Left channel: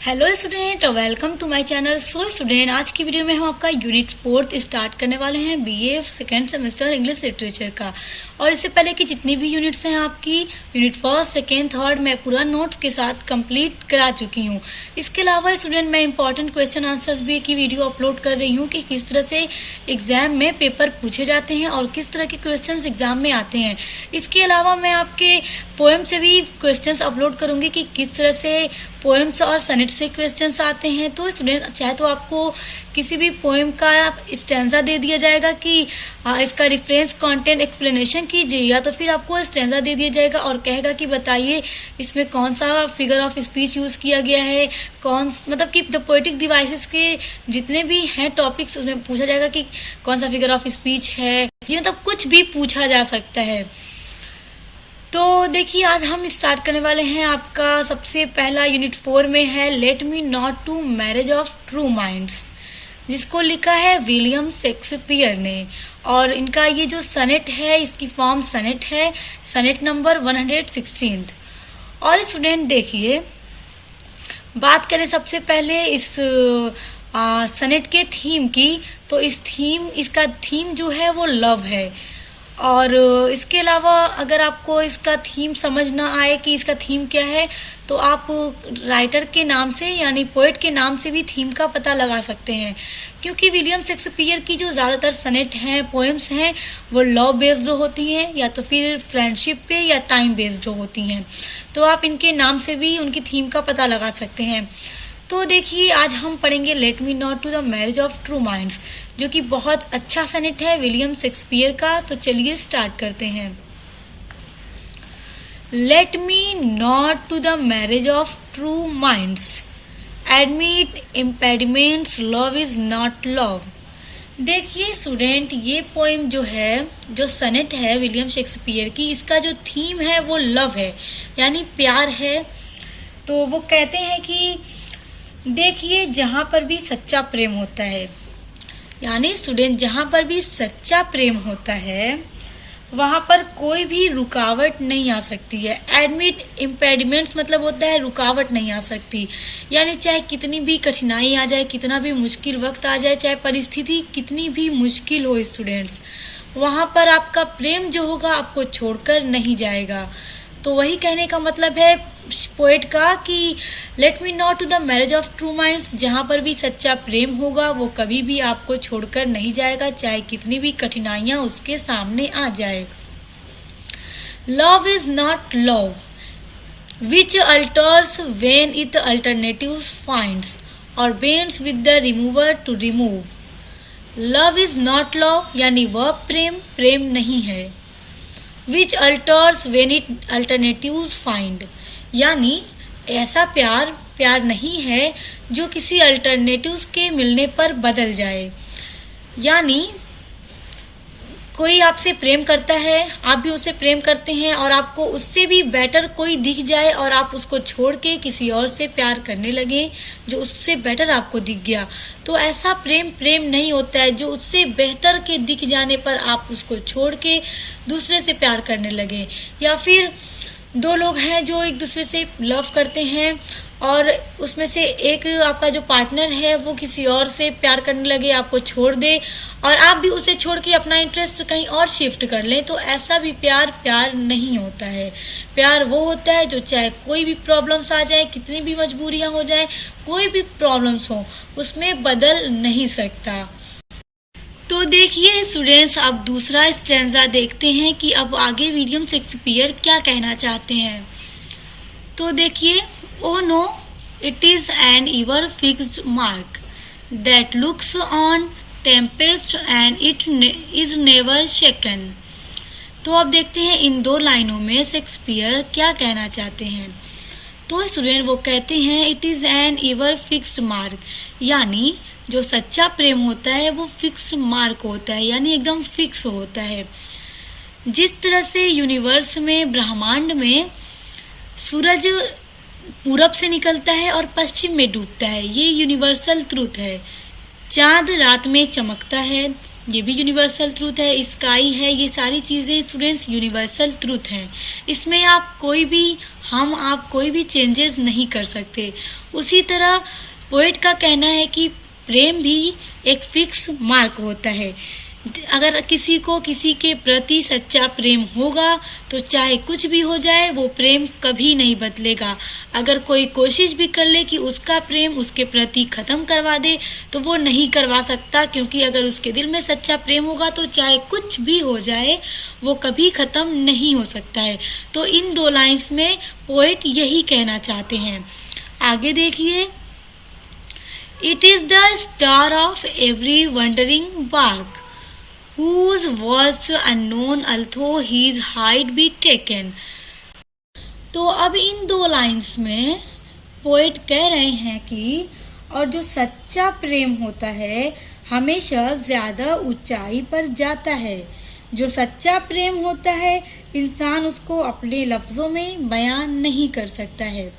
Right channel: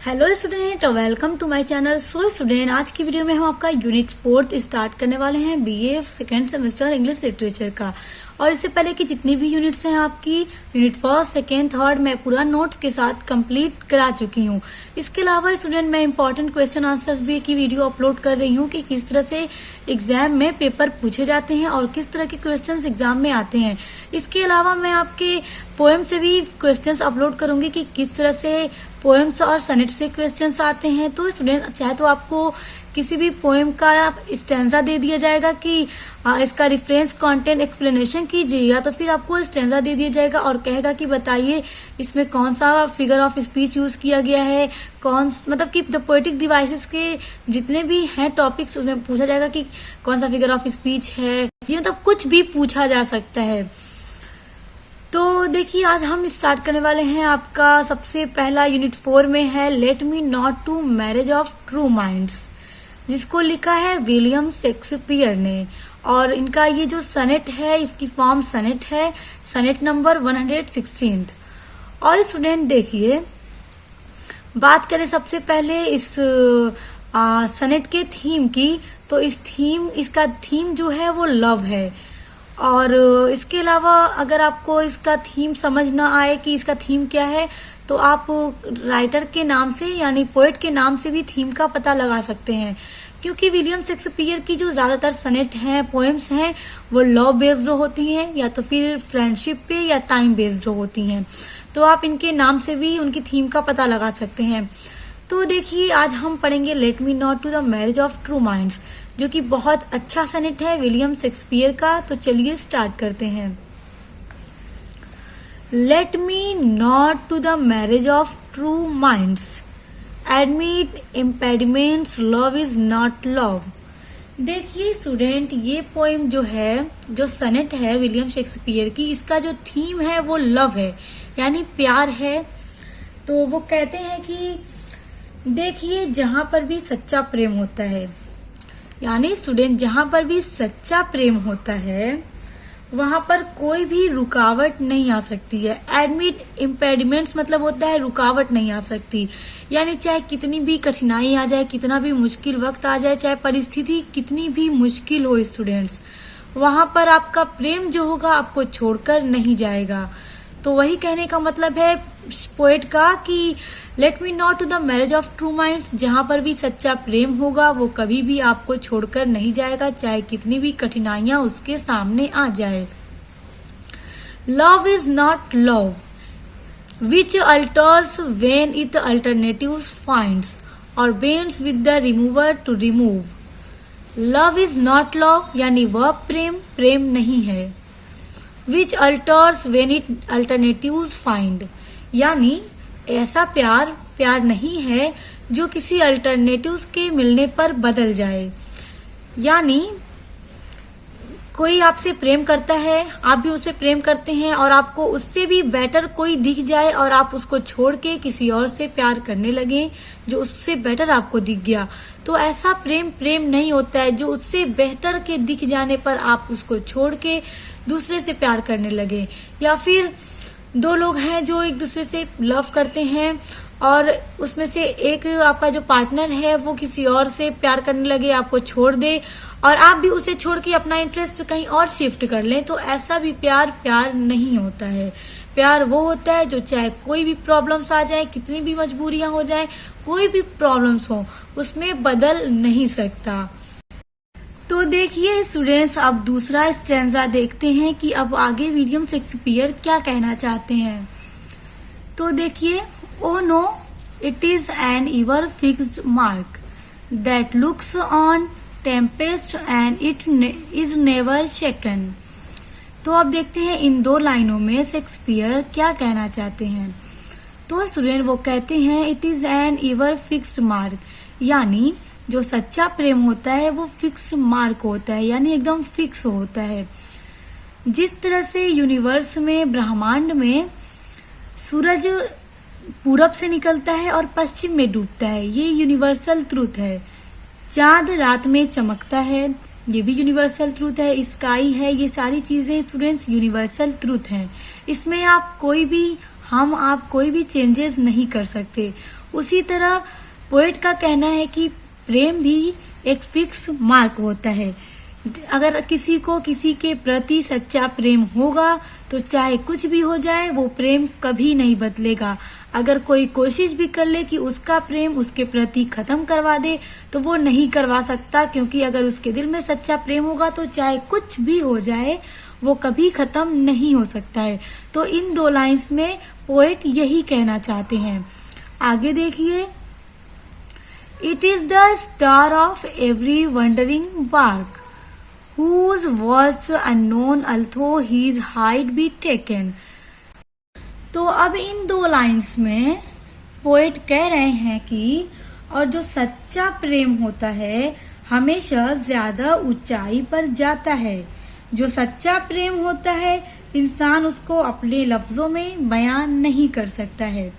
Hello student, welcome to my channel. So student, आज की video में हम आपका यूनिट 4 स्टार्ट करने वाले हैं BA second semester English literature का। और इससे पहले कि जितनी भी यूनिट्स हैं आपकी यूनिट 1, 2, 3 मैं पूरा नोट्स के साथ कंप्लीट करा चुकी हूँ। इसके अलावा स्टूडेंट मैं इंपॉर्टेंट क्वेश्चन आंसर्स भी की वीडियो अपलोड कर रही हूँ कि किस तरह से एग्जाम में पेपर पूछे जाते हैं और किस तरह के क्वेश्चंस एग्जाम में आते हैं। इसके अलावा मैं आपके पोएम से भी क्वेश्चंस अपलोड करूंगी कि किस तरह से पोएम्स और सनेट से क्वेश्चंस आते हैं। तो स्टूडेंट चाहे तो आपको किसी भी पोएम का स्टैंजा दे दिया जाएगा कि इसका रेफरेंस कंटेंट एक्सप्लेनेशन कीजिए, या तो फिर आपको स्टैंजा दे दिया जाएगा और कहेगा कि बताइए इसमें कौन सा फिगर ऑफ स्पीच यूज किया गया है, कौन मतलब कि द पोएटिक डिवाइसेस के जितने भी हैं टॉपिक्स उसमें पूछा जाएगा कि कौन सा फिगर ऑफ स्पीच है। जी मतलब कुछ भी पूछा जा सकता है। तो देखिए आज हम स्टार्ट करने वाले हैं। आपका सबसे पहला यूनिट 4 में है let me not to marriage of true minds, जिसको लिखा है विलियम शेक्सपियर ने। और इनका ये जो सनेट है इसकी फॉर्म सनेट है, सनेट नंबर 116। और स्टूडेंट देखिए बात करें सबसे पहले इस सनेट के थीम की, तो इसका थीम जो है वो लव है। और इसके अलावा अगर आपको इसका थीम समझ ना आए कि इसका थीम क्या है, तो आप राइटर के नाम से यानी पोएट के नाम से भी थीम का पता लगा सकते हैं। क्योंकि विलियम शेक्सपियर की जो ज्यादातर सनेट हैं, पोएम्स हैं, वो लव बेस्ड होती हैं या तो फिर फ्रेंडशिप पे या टाइम बेस्ड होती हैं। तो आप इनके नाम से भी उनकी थीम का पता लगा सकते हैं। तो देखिए आज हम पढ़ेंगे let me not to the marriage of true minds, जो कि बहुत अच्छा सनेट है विलियम शेक्सपियर का। तो चलिए स्टार्ट करते हैं। Let me not to the marriage of true minds, admit impediments, love is not love. देखिए स्टूडेंट ये पोएम जो है, जो सनेट है विलियम शेक्सपियर की, इसका जो थीम है वो लव है यानी प्यार है। तो वो कहते हैं कि देखिए जहां पर भी सच्चा प्रेम होता है, यानी स्टूडेंट जहां पर भी सच्चा प्रेम होता है वहां पर कोई भी रुकावट नहीं आ सकती है। एडमिट इम्पेडिमेंट्स मतलब होता है रुकावट नहीं आ सकती, यानी चाहे कितनी भी कठिनाई आ जाए, कितना भी मुश्किल वक्त आ जाए, चाहे परिस्थिति कितनी भी मुश्किल हो स्टूडेंट्स, वहां पर आपका प्रेम जो होगा आपको छोड़कर नहीं जाएगा। तो वही कहने का मतलब है पोएट का कि let me not to the marriage of true minds, जहां पर भी सच्चा प्रेम होगा वो कभी भी आपको छोड़कर नहीं जाएगा, चाहे कितनी भी कठिनाइयां उसके सामने आ जाए। Love is not love which alters when it alternatives finds or bends with the remover to remove. Love is not love यानी वह प्रेम नहीं है। Which alters when it alternatives find, यानी ऐसा प्यार नहीं है जो किसी अल्टरनेटिव्स के मिलने पर बदल जाए। यानी कोई आपसे प्रेम करता है, आप भी उससे प्रेम करते हैं और आपको उससे भी बेटर कोई दिख जाए और आप उसको छोड़ के किसी और से प्यार करने लगे जो उससे बेटर आपको दिख गया, तो ऐसा प्रेम नहीं होता है। जो उससे बेहतर के दिख जाने पर आप उसको छोड़ के दूसरे से प्यार करने लगे। या फिर दो लोग हैं जो एक दूसरे से लव करते हैं और उसमें से एक आपका जो पार्टनर है वो किसी और से प्यार करने लगे, आपको छोड़ दे और आप भी उसे छोड़ के अपना इंटरेस्ट कहीं और शिफ्ट कर लें, तो ऐसा भी प्यार नहीं होता है। प्यार वो होता है जो चाहे कोई भी प्रॉब्लम्स आ जाए, कितनी भी मजबूरियां हो जाए, कोई भी प्रॉब्लम्स हो, उसमें बदल नहीं सकता। तो देखिए स्टूडेंट्स अब दूसरा स्टैंजा देखते हैं कि अब आगे विलियम शेक्सपियर क्या कहना चाहते हैं। तो देखिए oh no it is an ever fixed mark that looks on tempest and it is never shaken. तो अब देखते हैं इन दो लाइनों में शेक्सपियर क्या कहना चाहते हैं। तो स्टूडेंट वो कहते हैं it is an ever fixed mark, यानी जो सच्चा प्रेम होता है वो फिक्स मार्क होता है, यानी एकदम फिक्स होता है। जिस तरह से यूनिवर्स में, ब्रह्मांड में सूरज पूरब से निकलता है और पश्चिम में डूबता है, ये यूनिवर्सल ट्रूथ है। चांद रात में चमकता है, ये भी यूनिवर्सल ट्रूथ है। स्काई है, ये सारी चीजें स्टूडेंट्स यूनिवर्सल ट्रूथ हैं। इसमें आप कोई भी चेंजेस नहीं कर सकते। उसी तरह पोएट का कहना है कि प्रेम भी एक फिक्स मार्क होता है। अगर किसी को किसी के प्रति सच्चा प्रेम होगा तो चाहे कुछ भी हो जाए वो प्रेम कभी नहीं बदलेगा। अगर कोई कोशिश भी कर ले कि उसका प्रेम उसके प्रति खत्म करवा दे तो वो नहीं करवा सकता, क्योंकि अगर उसके दिल में सच्चा प्रेम होगा तो चाहे कुछ भी हो जाए वो कभी खत्म नहीं हो सकता है। तो इन दो लाइंस में पोएट यही कहना चाहते हैं। आगे देखिए, it is the star of every wandering bark whose was unknown although his height be taken। तो अब इन दो लाइंस में पोएट कह रहे हैं कि और जो सच्चा प्रेम होता है हमेशा ज्यादा ऊंचाई पर जाता है। जो सच्चा प्रेम होता है इंसान उसको अपने लफ्जों में बयान नहीं कर सकता है,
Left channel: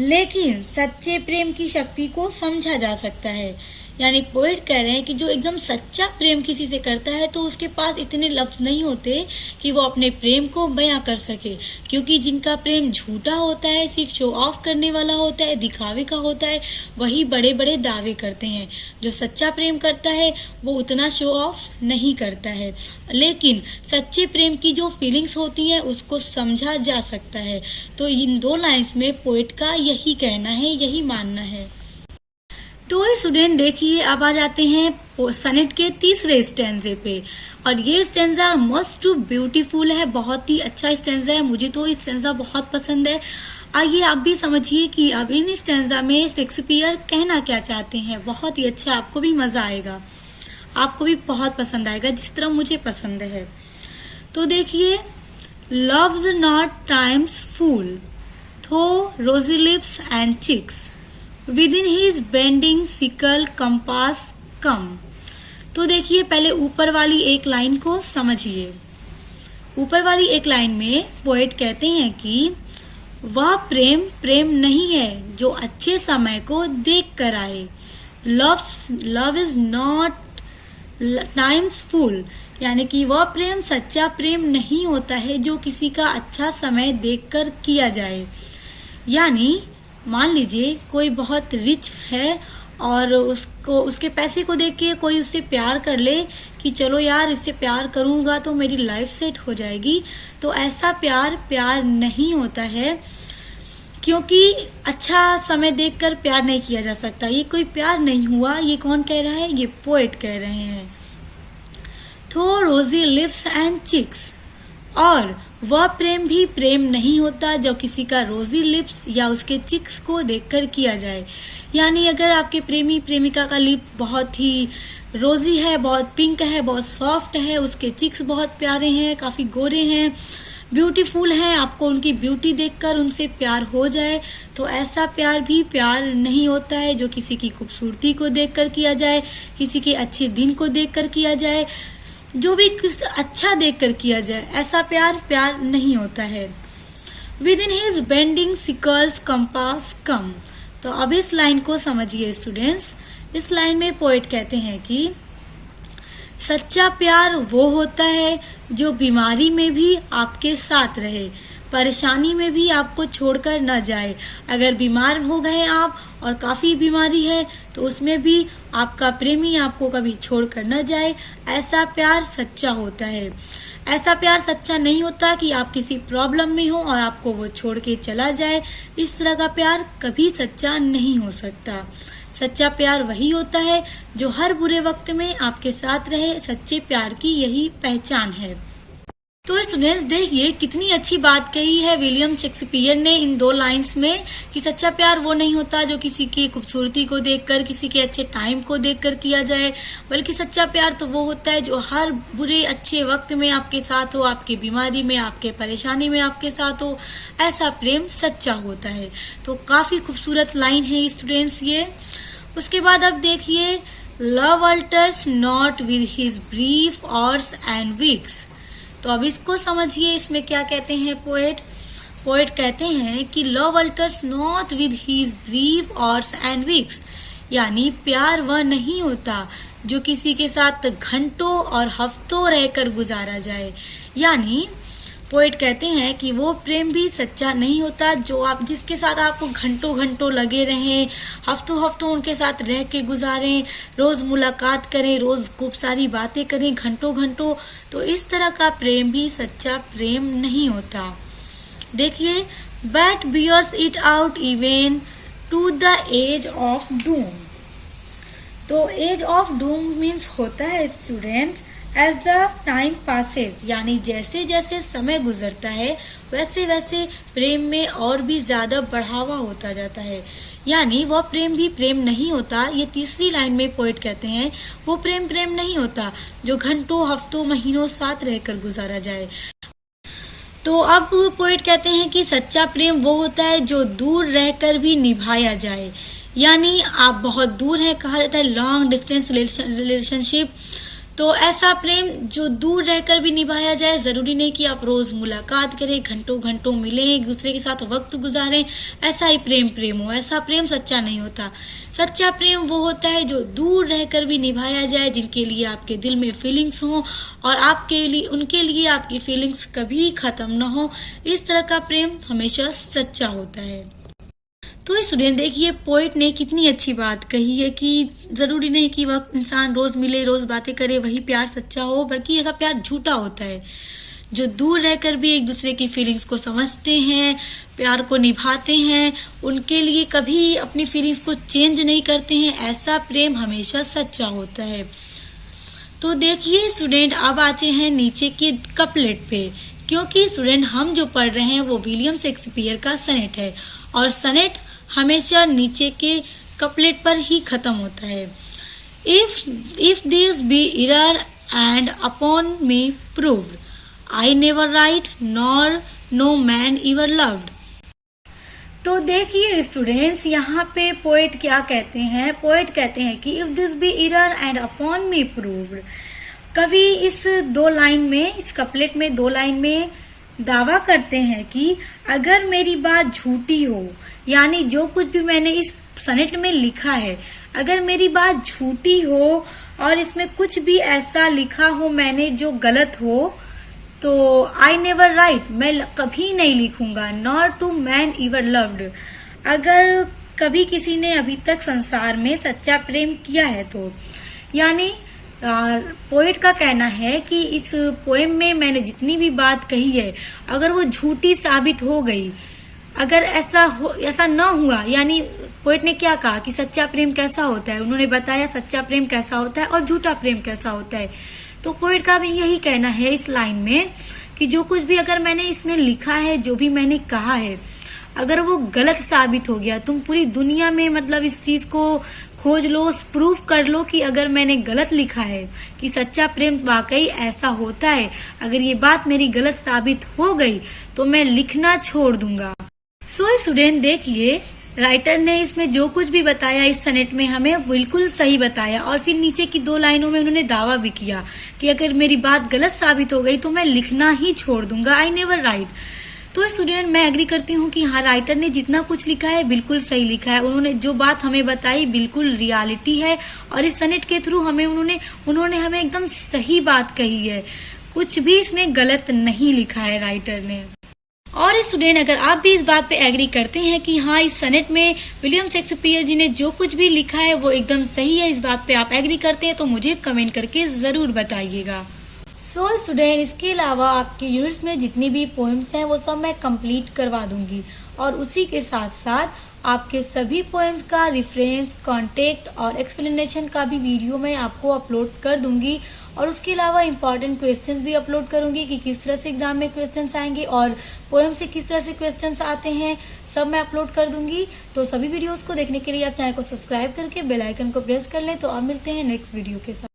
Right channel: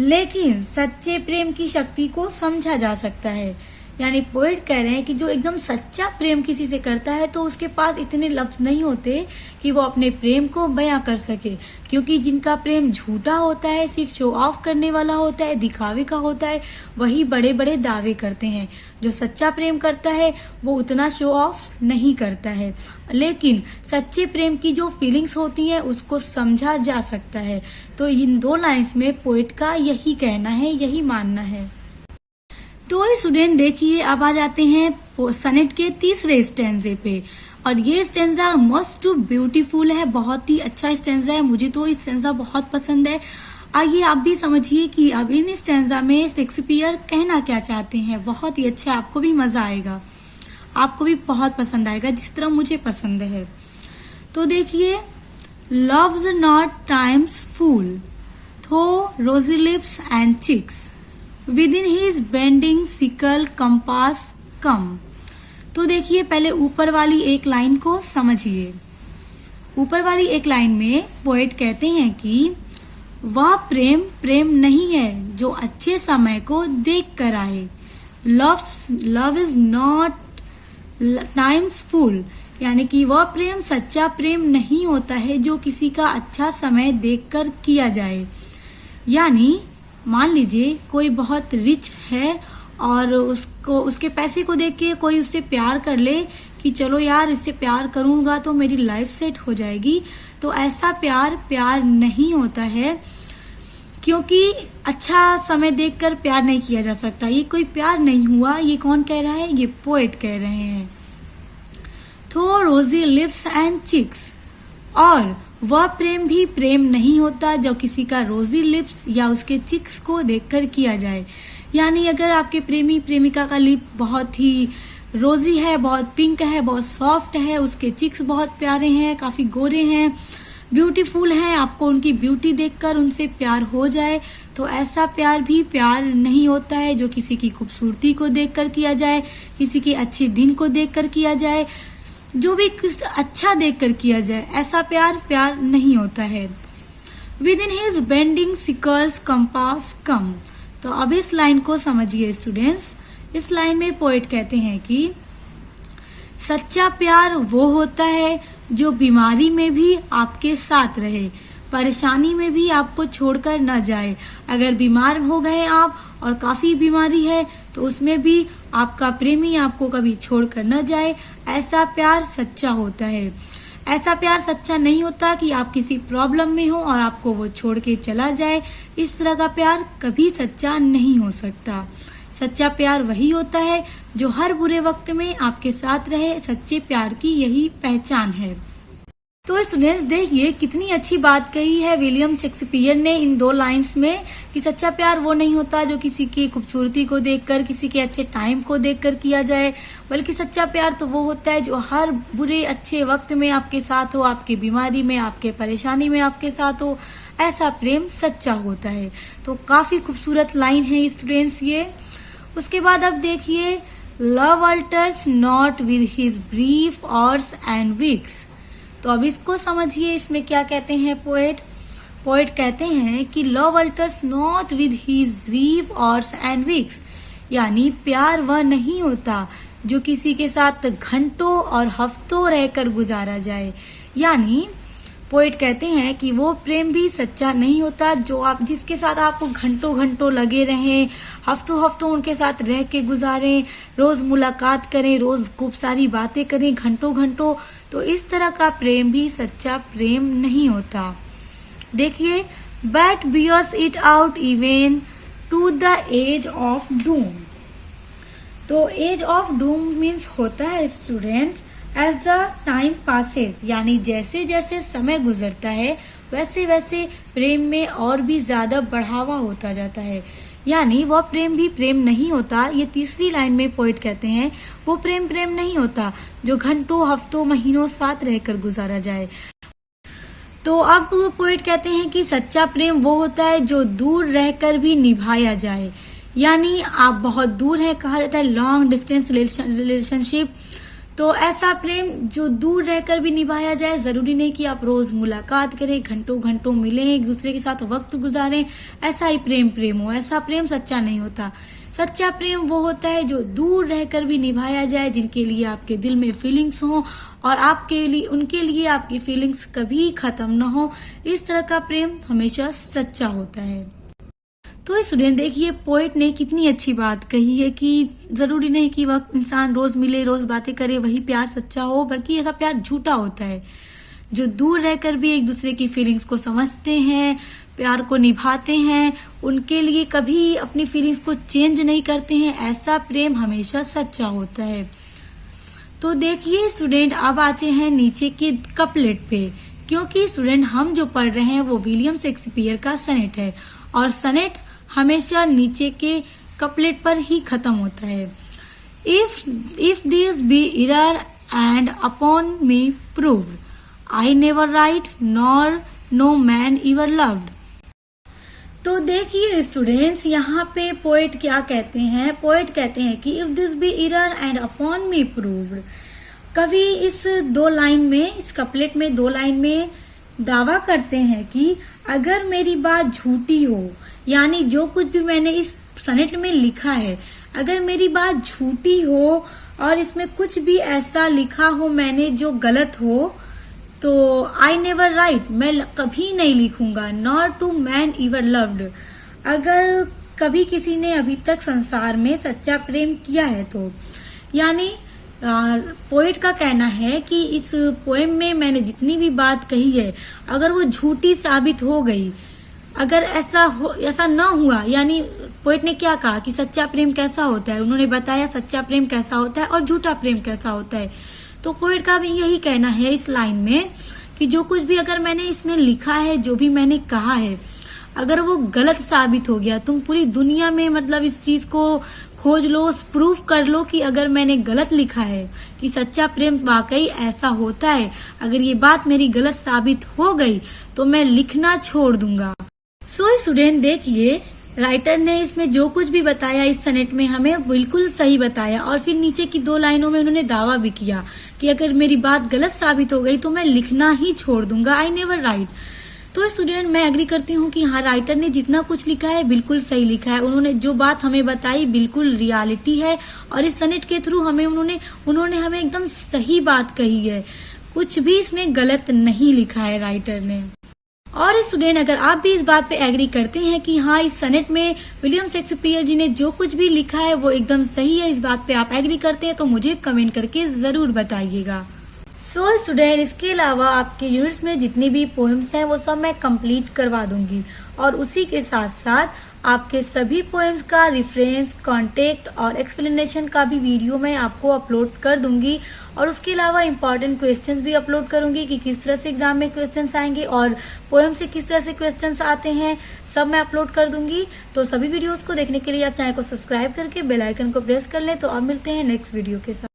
लेकिन सच्चे प्रेम की शक्ति को समझा जा सकता है। यानी पोएट कह रहे हैं कि जो एकदम सच्चा प्रेम किसी से करता है तो उसके पास इतने लफ्ज नहीं होते कि वो अपने प्रेम को बयां कर सके, क्योंकि जिनका प्रेम झूठा होता है, सिर्फ शो ऑफ करने वाला होता है, दिखावे का होता है, वही बड़े बड़े दावे करते हैं। जो सच्चा प्रेम करता है वो उतना शो ऑफ नहीं करता है, लेकिन सच्चे प्रेम की जो फीलिंग्स होती हैं उसको समझा जा सकता है। तो इन दो लाइंस में पोएट का यही कहना है, यही मानना है। तो स्टूडेंट देखिए, अब आ जाते हैं सनेट के तीसरे स्टेंजे पे, और ये स्टेंजा मस्ट टू ब्यूटीफुल है, बहुत ही अच्छा स्टेंजा है। मुझे तो ये स्टेंजा बहुत पसंद है। आइए आप भी समझिए कि अब इन स्टेंजा में शेक्सपियर कहना क्या चाहते हैं। बहुत ही अच्छा, आपको भी मजा आएगा, आपको भी बहुत पसंद आएगा जिस तरह मुझे पसंद है। तो देखिए, loves not times fool though rosy lips and cheeks within his bending sickle compass come। तो देखिए, पहले ऊपर वाली एक लाइन को समझिए। ऊपर वाली एक लाइन में पोएट कहते हैं कि वह प्रेम प्रेम नहीं है जो अच्छे समय को देख कर आए। लव इज नॉट टाइम्स फूल, यानी कि वह प्रेम सच्चा प्रेम नहीं होता है जो किसी का अच्छा समय देखकर किया जाए। यानी मान लीजिए कोई बहुत रिच है और उसको उसके पैसे को देख के कोई उससे प्यार कर ले कि चलो यार इससे प्यार करूंगा तो मेरी लाइफ सेट हो जाएगी, तो ऐसा प्यार प्यार नहीं होता है, क्योंकि अच्छा समय देखकर प्यार नहीं किया जा सकता। ये कोई प्यार नहीं हुआ। ये कौन कह रहा है? ये पोएट कह रहे हैं। थो रोजी लिप्स एंड चिक्स, और वह प्रेम भी प्रेम नहीं होता जो किसी का रोजी लिप्स या उसके चिक्स को देखकर किया जाए। यानी अगर आपके प्रेमी प्रेमिका का लिप बहुत ही रोजी है, बहुत पिंक है, बहुत सॉफ्ट है, उसके चिक्स बहुत प्यारे हैं, काफी गोरे हैं, ब्यूटीफुल हैं, आपको उनकी ब्यूटी देखकर उनसे प्यार हो जाए, तो ऐसा प्यार भी प्यार नहीं होता है जो किसी की खूबसूरती को देखकर किया जाए, किसी के अच्छे दिन को देखकर किया जाए, जो भी कुछ अच्छा देखकर किया जाए, ऐसा प्यार प्यार नहीं होता है। Within his bending sickle's compass come. तो अब इस लाइन को समझिए स्टूडेंट्स। इस लाइन में पोएट कहते हैं कि सच्चा प्यार वो होता है जो बीमारी में भी आपके साथ रहे, परेशानी में भी आपको छोड़कर न जाए। अगर बीमार हो गए आप और काफी बीमारी है तो उसमें भी आपका प्रेमी आपको कभी छोड़कर न जाए, ऐसा प्यार सच्चा होता है। ऐसा प्यार सच्चा नहीं होता कि आप किसी प्रॉब्लम में हो और आपको वो छोड़ के चला जाए। इस तरह का प्यार कभी सच्चा नहीं हो सकता। सच्चा प्यार वही होता है जो हर बुरे वक्त में आपके साथ रहे। सच्चे प्यार की यही पहचान है। तो स्टूडेंट्स देखिए कितनी अच्छी बात कही है विलियम शेक्सपियर ने इन दो लाइंस में कि सच्चा प्यार वो नहीं होता जो किसी की खूबसूरती को देखकर, किसी के अच्छे टाइम को देखकर किया जाए, बल्कि सच्चा प्यार तो वो होता है जो हर बुरे अच्छे वक्त में आपके साथ हो, आपकी बीमारी में, आपके परेशानी में आपके साथ हो। ऐसा प्रेम सच्चा होता है। तो काफी खूबसूरत लाइन है स्टूडेंट्स ये। उसके बाद अब देखिए, love alters not with his brief hours and weeks. तो अब इसको समझिए, इसमें क्या कहते हैं पोएट। पोएट कहते हैं कि love alters not with his brief hours and weeks, यानी प्यार वह नहीं होता जो किसी के साथ घंटों और हफ्तों रहकर गुजारा जाए। यानी पोएट कहते हैं कि वो प्रेम भी सच्चा नहीं होता जो आप जिसके साथ आपको घंटों घंटों लगे रहें, हफ्तों हफ्तों उनके साथ रह के गुजारें, रोज मुलाकात करें, रोज खूब सारी बातें करें घंटों घंटों, तो इस तरह का प्रेम भी सच्चा प्रेम नहीं होता। देखिए, but bears it out even to the edge of doom. तो एज ऑफ डूम मीन्स होता है students as the time passes, यानी जैसे जैसे समय गुजरता है वैसे वैसे प्रेम में और भी ज्यादा बढ़ावा होता जाता है, यानी वह प्रेम भी प्रेम नहीं होता। ये तीसरी लाइन में पोएट कहते हैं वो प्रेम प्रेम नहीं होता जो घंटों हफ्तों महीनों साथ रहकर गुजारा जाए। तो अब पोएट कहते हैं कि सच्चा प्रेम वो होता है जो दूर रहकर भी निभाया जाए, यानी आप बहुत दूर है, कहा जाता है लॉन्ग डिस्टेंस रिलेशनशिप। तो ऐसा प्रेम जो दूर रहकर भी निभाया जाए, जरूरी नहीं कि आप रोज मुलाकात करें, घंटों घंटों मिलें, एक दूसरे के साथ वक्त गुजारें, ऐसा ही प्रेम हो, ऐसा प्रेम सच्चा नहीं होता। सच्चा प्रेम वो होता है जो दूर रहकर भी निभाया जाए, जिनके लिए आपके दिल में फीलिंग्स हो और आपके लिए उनके लिए आपकी फीलिंग्स कभी खत्म ना हो। इस तरह का प्रेम हमेशा सच्चा होता है। तो स्टूडेंट देखिए, पोएट ने कितनी अच्छी बात कही है कि जरूरी नहीं कि वह इंसान रोज मिले, रोज बातें करे, वही प्यार सच्चा हो, बल्कि ऐसा प्यार झूठा होता है जो दूर रहकर भी एक दूसरे की फीलिंग्स को समझते हैं, प्यार को निभाते हैं, उनके लिए कभी अपनी फीलिंग्स को चेंज नहीं करते हैं, ऐसा प्रेम हमेशा सच्चा होता है। तो देखिए स्टूडेंट, अब आते हैं नीचे के कपलेट पे, क्योंकि स्टूडेंट हम जो पढ़ रहे हैं वो विलियम शेक्सपियर का सनेट है और सनेट हमेशा नीचे के कपलेट पर ही खत्म होता है। If this be error and upon me proved, I never writ nor no man ever loved. तो देखिए स्टूडेंट्स, यहाँ पे पोएट क्या कहते हैं, पोएट कहते हैं कि if this be error and upon me proved, कवि इस दो लाइन में, इस कपलेट में दो लाइन में दावा करते हैं कि अगर मेरी बात झूठी हो, यानी जो कुछ भी मैंने इस सनेट में लिखा है, अगर मेरी बात झूठी हो और इसमें कुछ भी ऐसा लिखा हो मैंने जो गलत हो, तो आई नेवर राइट, मैं कभी नहीं लिखूंगा, nor to man ever loved, अगर कभी किसी ने अभी तक संसार में सच्चा प्रेम किया है तो। यानी पोएट का कहना है कि इस पोएम में मैंने जितनी भी बात कही है, अगर वो झूठी साबित हो गई, अगर ऐसा न हुआ, यानी पोएट ने क्या कहा कि सच्चा प्रेम कैसा होता है, उन्होंने बताया सच्चा प्रेम कैसा होता है और झूठा प्रेम कैसा होता है। तो पोएट का भी यही कहना है इस लाइन में कि जो कुछ भी अगर मैंने इसमें लिखा है, जो भी मैंने कहा है, अगर वो गलत साबित हो गया, तुम पूरी दुनिया में मतलब इस चीज को खोज लो, प्रूफ कर लो कि अगर मैंने गलत लिखा है कि सच्चा प्रेम वाकई ऐसा होता है, अगर ये बात मेरी गलत साबित हो गई तो मैं लिखना छोड़ दूंगा। सो स्टूडेंट देखिए, राइटर ने इसमें जो कुछ भी बताया इस सनेट में हमें बिल्कुल सही बताया, और फिर नीचे की दो लाइनों में उन्होंने दावा भी किया कि अगर मेरी बात गलत साबित हो गई तो मैं लिखना ही छोड़ दूंगा, आई नेवर राइट। तो स्टूडेंट मैं एग्री करती हूँ कि हाँ, राइटर ने जितना कुछ लिखा है बिल्कुल सही लिखा है, उन्होंने जो बात हमें बताई बिल्कुल रियलिटी है, और इस सनेट के थ्रू हमें उन्होंने हमें एकदम सही बात कही है, कुछ भी इसमें गलत नहीं लिखा है राइटर ने। और स्टूडेंट अगर आप भी इस बात पे एग्री करते हैं कि हाँ, इस सनेट में विलियम शेक्सपियर जी ने जो कुछ भी लिखा है वो एकदम सही है, इस बात पे आप एग्री करते हैं तो मुझे कमेंट करके जरूर बताइएगा। सो स्टूडेंट, इसके अलावा आपके यूनिट्स में जितनी भी पोएम्स हैं वो सब मैं कंप्लीट करवा दूंगी, और उसी के साथ साथ आपके सभी पोएम्स का रेफरेंस, कांटेक्ट और एक्सप्लेनेशन का भी वीडियो मैं आपको अपलोड कर दूंगी, और उसके अलावा इम्पोर्टेंट क्वेश्चंस भी अपलोड करूंगी कि किस तरह से एग्जाम में क्वेश्चंस आएंगे और पोएम से किस तरह से क्वेश्चंस आते हैं, सब मैं अपलोड कर दूंगी। तो सभी वीडियोस को देखने के लिए आप चैनल को सब्सक्राइब करके बेल आइकन को प्रेस कर लें। तो अब मिलते हैं नेक्स्ट वीडियो के साथ।